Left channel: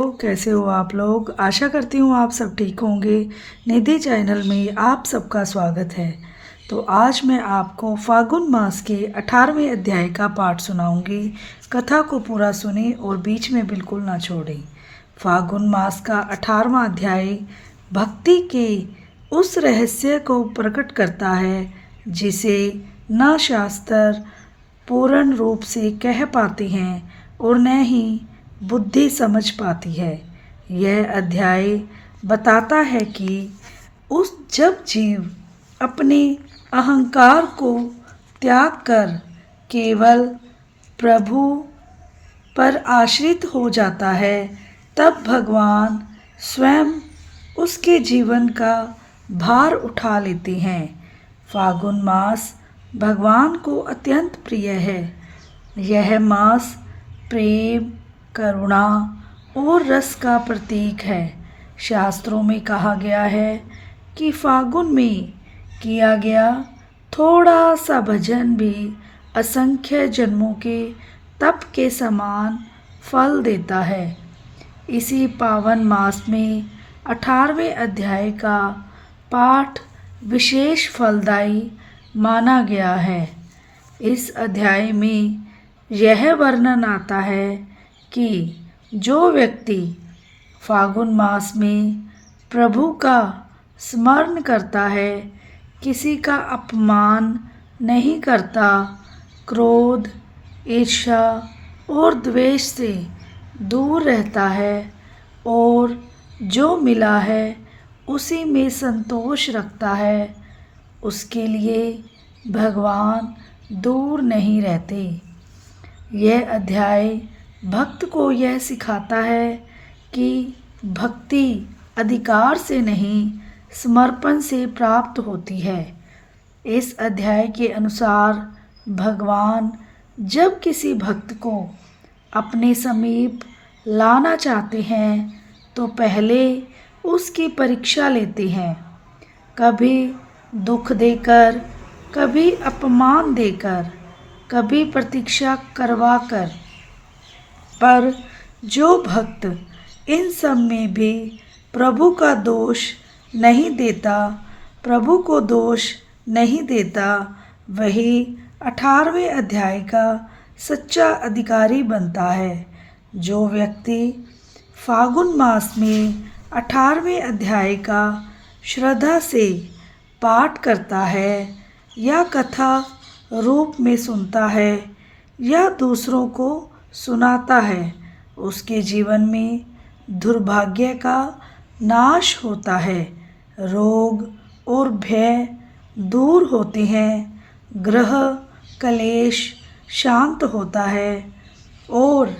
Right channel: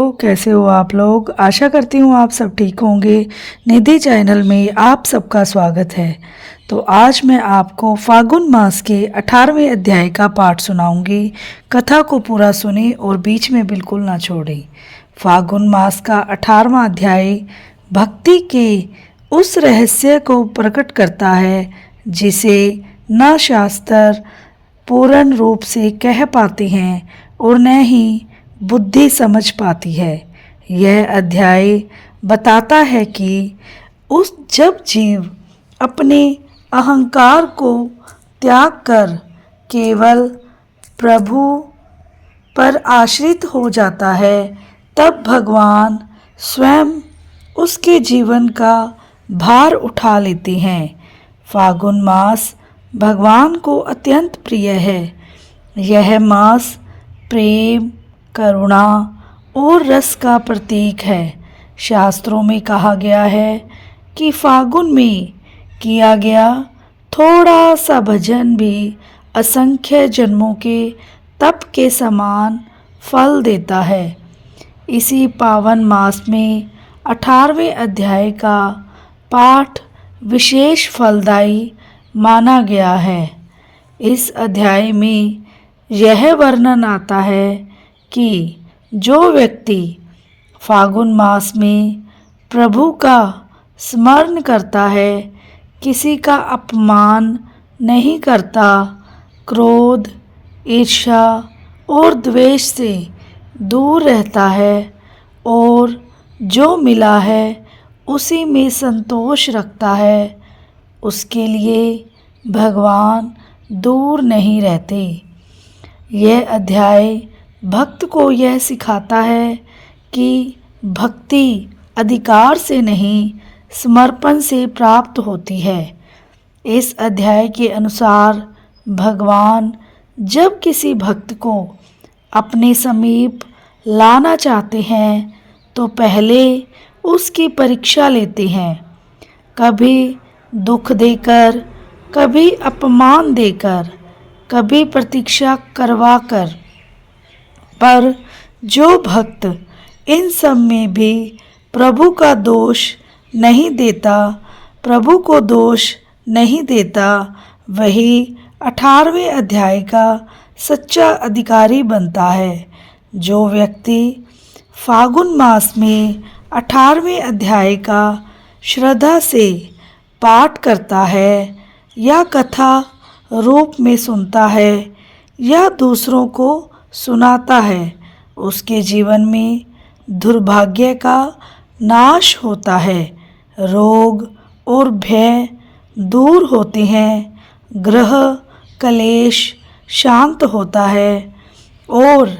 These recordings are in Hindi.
तो कैसे हो आप लोग। आशा करती हूँ आप सब ठीक होंगे। निधि चैनल में आप सबका स्वागत है। तो आज मैं आपको फागुन मास के 18वें अध्याय का पाठ सुनाऊंगी। कथा को पूरा सुने और बीच में बिल्कुल ना छोड़ें। फागुन मास का 18वां अध्याय भक्ति के उस रहस्य को प्रकट करता है जिसे न शास्त्र पूर्ण रूप से कह पाते हैं और न ही बुद्धि समझ पाती है। यह अध्याय बताता है कि उस जब जीव अपने अहंकार को त्याग कर केवल प्रभु पर आश्रित हो जाता है, तब भगवान स्वयं उसके जीवन का भार उठा लेते हैं। फागुन मास भगवान को अत्यंत प्रिय है। यह मास प्रेम, करुणा और रस का प्रतीक है। शास्त्रों में कहा गया है कि फागुन में किया गया थोड़ा सा भजन भी असंख्य जन्मों के तप के समान फल देता है। इसी पावन मास में 18वें अध्याय का पाठ विशेष फलदायी माना गया है। इस अध्याय में यह वर्णन आता है कि जो व्यक्ति फागुन मास में प्रभु का स्मरण करता है, किसी का अपमान नहीं करता, क्रोध, ईर्ष्या और द्वेष से दूर रहता है और जो मिला है उसी में संतोष रखता है, उसके लिए भगवान दूर नहीं रहते। यह अध्याय भक्त को यह सिखाता है कि भक्ति अधिकार से नहीं, समर्पण से प्राप्त होती है। इस अध्याय के अनुसार भगवान जब किसी भक्त को अपने समीप लाना चाहते हैं तो पहले उसकी परीक्षा लेते हैं, कभी दुख देकर, कभी अपमान देकर, कभी प्रतीक्षा करवाकर। पर जो भक्त इन सब में भी प्रभु का दोष नहीं देता, प्रभु को दोष नहीं देता, वही 18वें अध्याय का सच्चा अधिकारी बनता है। जो व्यक्ति फागुन मास में 18वें अध्याय का श्रद्धा से पाठ करता है या कथा रूप में सुनता है या दूसरों को सुनाता है, उसके जीवन में दुर्भाग्य का नाश होता है, रोग और भय दूर होते हैं, ग्रह कलेश शांत होता है और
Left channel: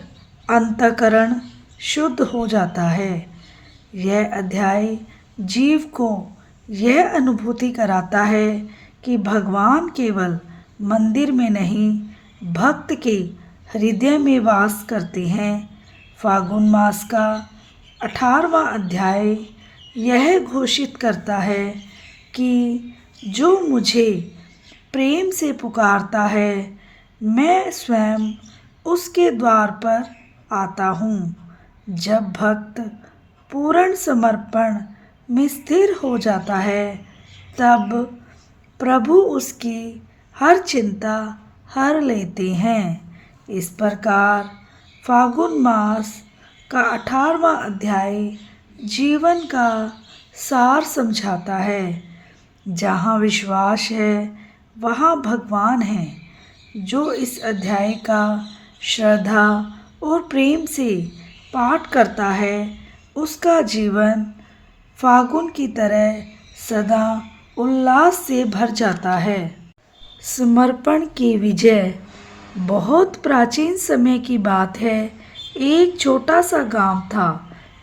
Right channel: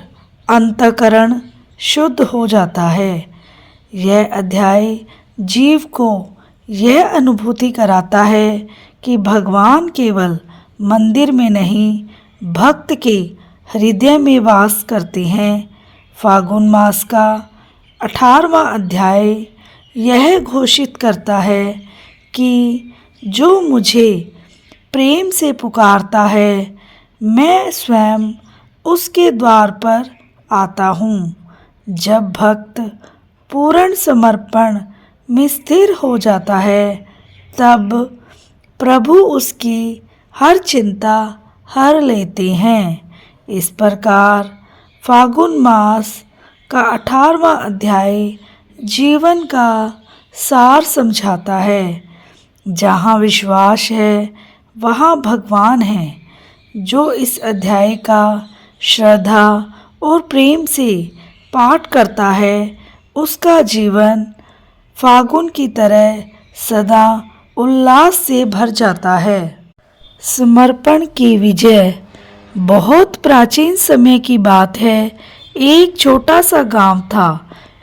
अंतःकरण शुद्ध हो जाता है। यह अध्याय जीव को यह अनुभूति कराता है कि भगवान केवल मंदिर में नहीं, भक्त के हृदय में वास करते हैं। फागुन मास का 18वां अध्याय यह घोषित करता है कि जो मुझे प्रेम से पुकारता है, मैं स्वयं उसके द्वार पर आता हूँ। जब भक्त पूर्ण समर्पण में स्थिर हो जाता है, तब प्रभु उसकी हर चिंता हर लेते हैं। इस प्रकार फागुन मास का 18वां अध्याय जीवन का सार समझाता है। जहाँ विश्वास है वहाँ भगवान है। जो इस अध्याय का श्रद्धा और प्रेम से पाठ करता है, उसका जीवन फागुन की तरह सदा उल्लास से भर जाता है। समर्पण की विजय। बहुत प्राचीन समय की बात है। एक छोटा सा गांव था,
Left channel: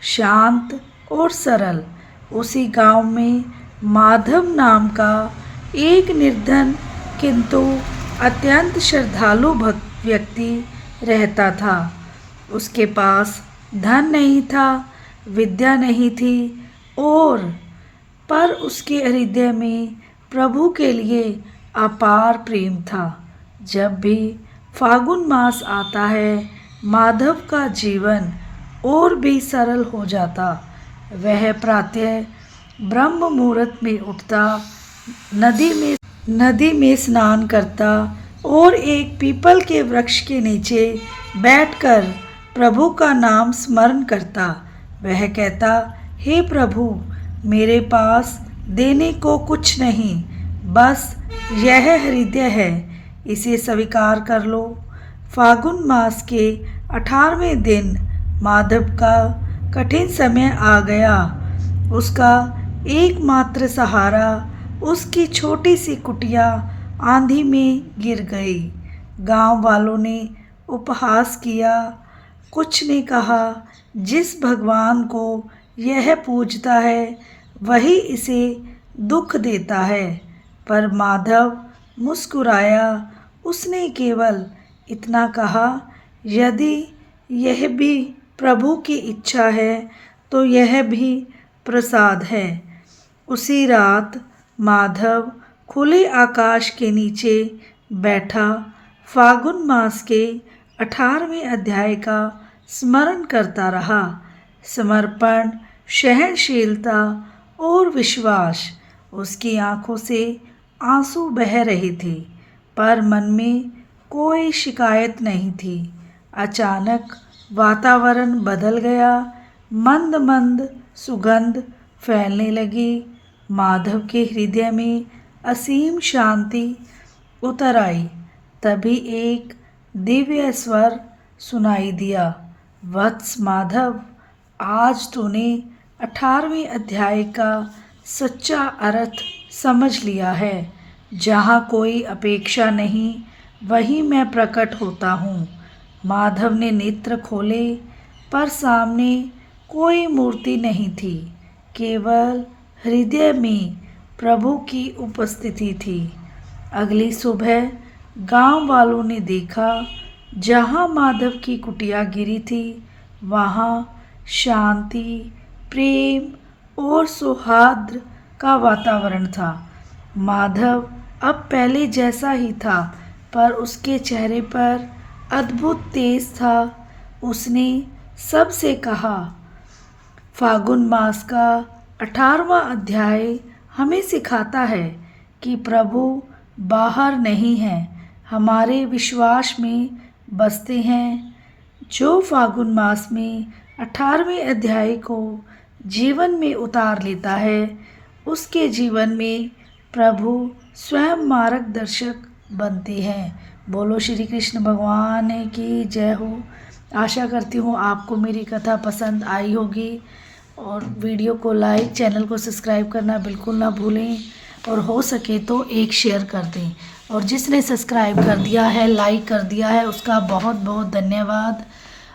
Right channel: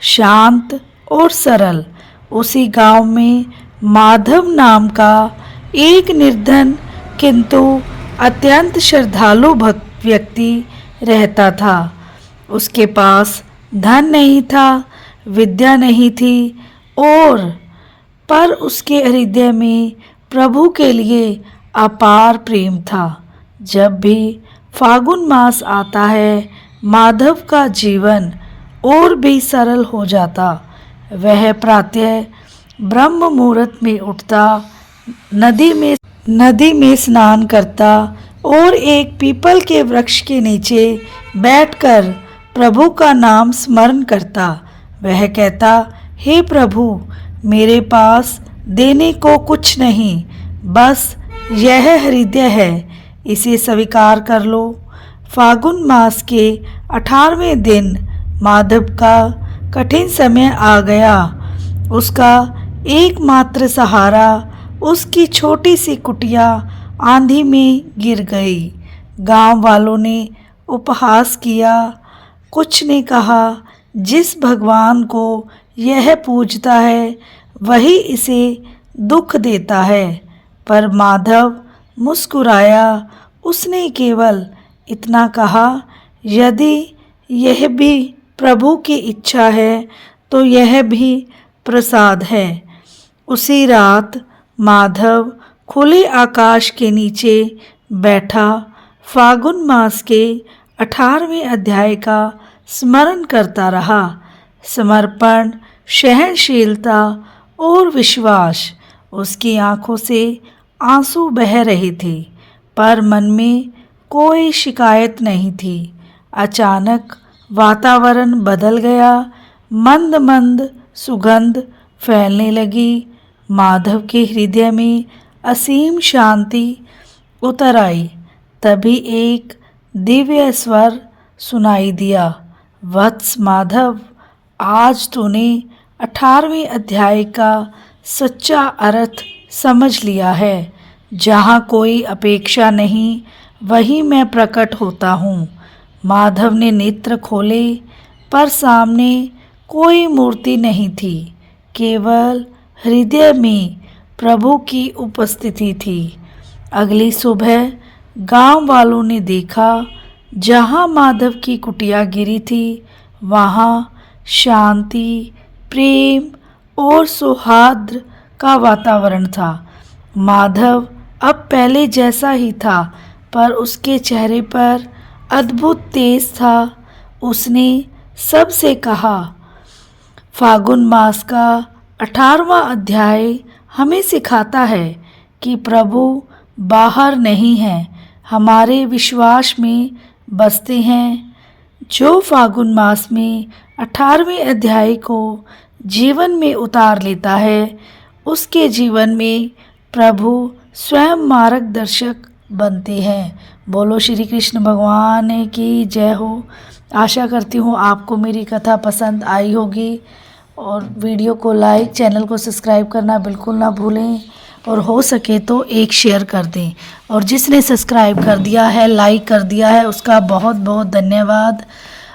शांत और सरल। उसी गांव में माधव नाम का एक निर्धन किंतु अत्यंत श्रद्धालु भक्त व्यक्ति रहता था। उसके पास धन नहीं था, विद्या नहीं थी और पर उसके हृदय में प्रभु के लिए अपार प्रेम था। जब भी फागुन मास आता है, माधव का जीवन और भी सरल हो जाता। वह प्रातः ब्रह्म मुहूर्त में उठता, नदी में स्नान करता और एक पीपल के वृक्ष के नीचे बैठकर प्रभु का नाम स्मरण करता। वह कहता, हे प्रभु, मेरे पास देने को कुछ नहीं, बस यह हृदय है, इसे स्वीकार कर लो। फागुन मास के 18वें दिन माधव का कठिन समय आ गया। उसका एकमात्र सहारा उसकी छोटी सी कुटिया आंधी में गिर गई। गांव वालों ने उपहास किया, कुछ ने कहा, जिस भगवान को यह पूजता है वही इसे दुख देता है। पर माधव मुस्कुराया। उसने केवल इतना कहा, यदि यह भी प्रभु की इच्छा है तो यह भी प्रसाद है। उसी रात माधव खुले आकाश के नीचे बैठा फागुन मास के 18वें अध्याय का स्मरण करता रहा। समर्पण, सहनशीलता और विश्वास। उसकी आंखों से आंसू बह रहे थे, पर मन में कोई शिकायत नहीं थी। अचानक वातावरण बदल गया। मंद मंद सुगंध फैलने लगी। माधव के हृदय में असीम शांति उतर आई। तभी एक दिव्य स्वर सुनाई दिया, वत्स माधव, आज तूने 18वें अध्याय का सच्चा अर्थ समझ लिया है। जहाँ कोई अपेक्षा नहीं, वहीं मैं प्रकट होता हूँ। माधव ने नेत्र खोले, पर सामने कोई मूर्ति नहीं थी, केवल हृदय में प्रभु की उपस्थिति थी। अगली सुबह गांव वालों ने देखा, जहाँ माधव की कुटिया गिरी थी वहाँ शांति, प्रेम और सौहार्द का वातावरण था। माधव अब पहले जैसा ही था, पर उसके चेहरे पर अद्भुत तेज था। उसने सबसे कहा, फागुन मास का 18वां अध्याय हमें सिखाता है कि प्रभु बाहर नहीं है, हमारे विश्वास में बसते हैं। जो फागुन मास में 18वें अध्याय को जीवन में उतार लेता है, उसके जीवन में प्रभु स्वयं मार्गदर्शक बनते हैं। बोलो श्री कृष्ण भगवान की जय हो। आशा करती हूँ आपको मेरी कथा पसंद आई होगी, और वीडियो को लाइक, चैनल को सब्सक्राइब करना बिल्कुल ना भूलें, और हो सके तो एक शेयर कर दें। और जिसने सब्सक्राइब कर दिया है, लाइक कर दिया है, उसका बहुत बहुत धन्यवाद।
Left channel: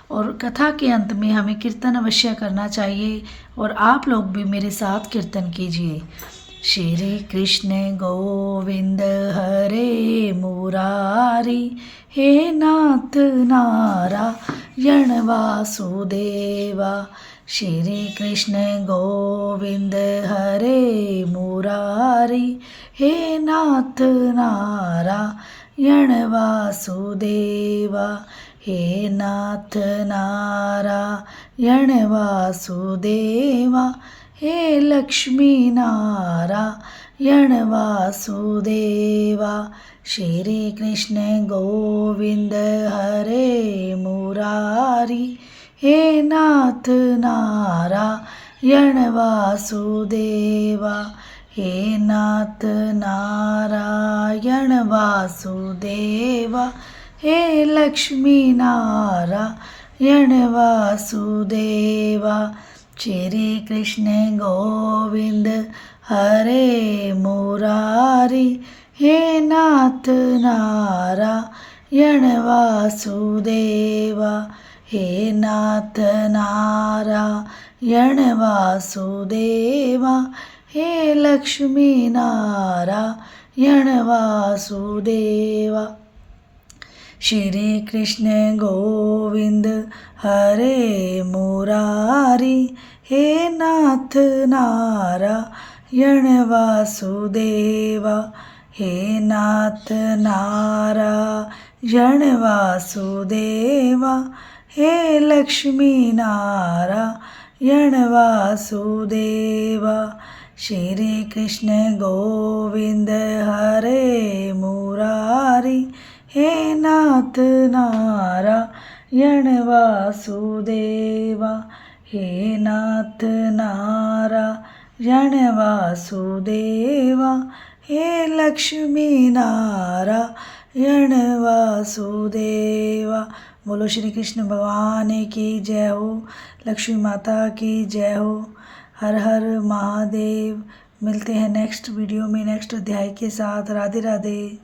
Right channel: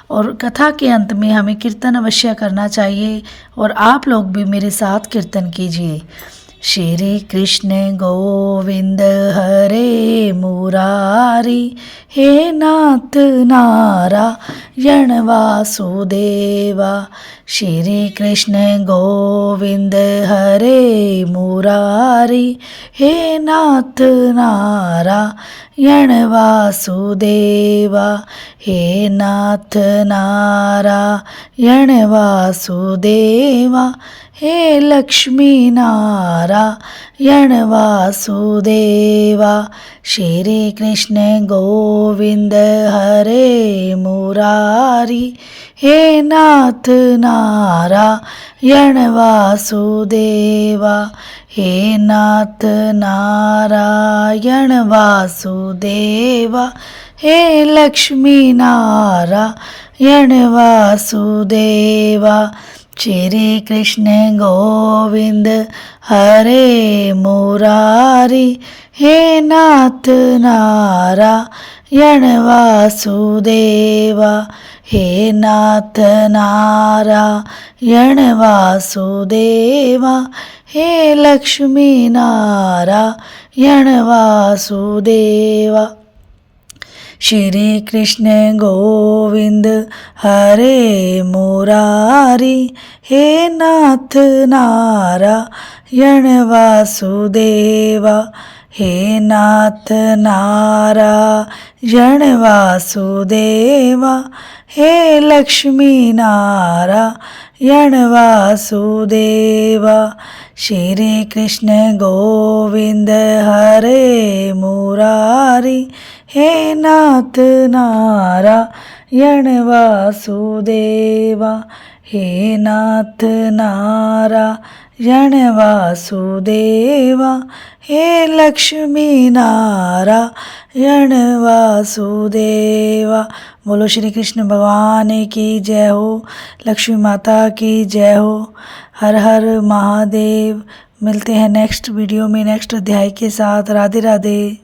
और कथा के अंत में हमें कीर्तन अवश्य करना चाहिए, और आप लोग भी मेरे साथ कीर्तन कीजिए। श्री कृष्ण गोविंद हरे मुरारी, हे नाथ नारायण वासुदेवा। श्री कृष्ण गोविंद हरे मुरारी, हे नाथ नारायण वासुदेवा। हे नाथ नारायण वासुदेवा। हे लक्ष्मी नारायण वासुदेवा। श्री कृष्ण गोविंद हरे मुरारी, हे नाथ नारायण वासुदेवा। हे नाथ नारायण वासुदेवा। हे लक्ष्मी नारायण वासुदेवा। श्री कृष्ण गोविंद हरे मुरारी, हे नाथ नारायण वासुदेवा। हे नाथ नारायण वासुदेवा। हे लक्ष्मी नारायण वासुदेवा। श्री कृष्ण गोविंद हरे मुरारी, हे नाथ नारायण वासुदेवा। हे नाथ नारायण वासुदेवा। हे लक्ष्मी नारायण वासुदेवा, श्री कृष्ण गोविंद हरे मुरारी, हे नाथ नारायण वासुदेवा, हे नाथ नारायण वासुदेवा, हे लक्ष्मी नारायण वासुदेवा। बोलो श्री कृष्ण भगवान की जय हो, लक्ष्मी माता की जय हो। हर हर महादेव। मिलते हैं नेक्स्ट वीडियो में नेक्स्ट अध्याय के साथ। राधे राधे।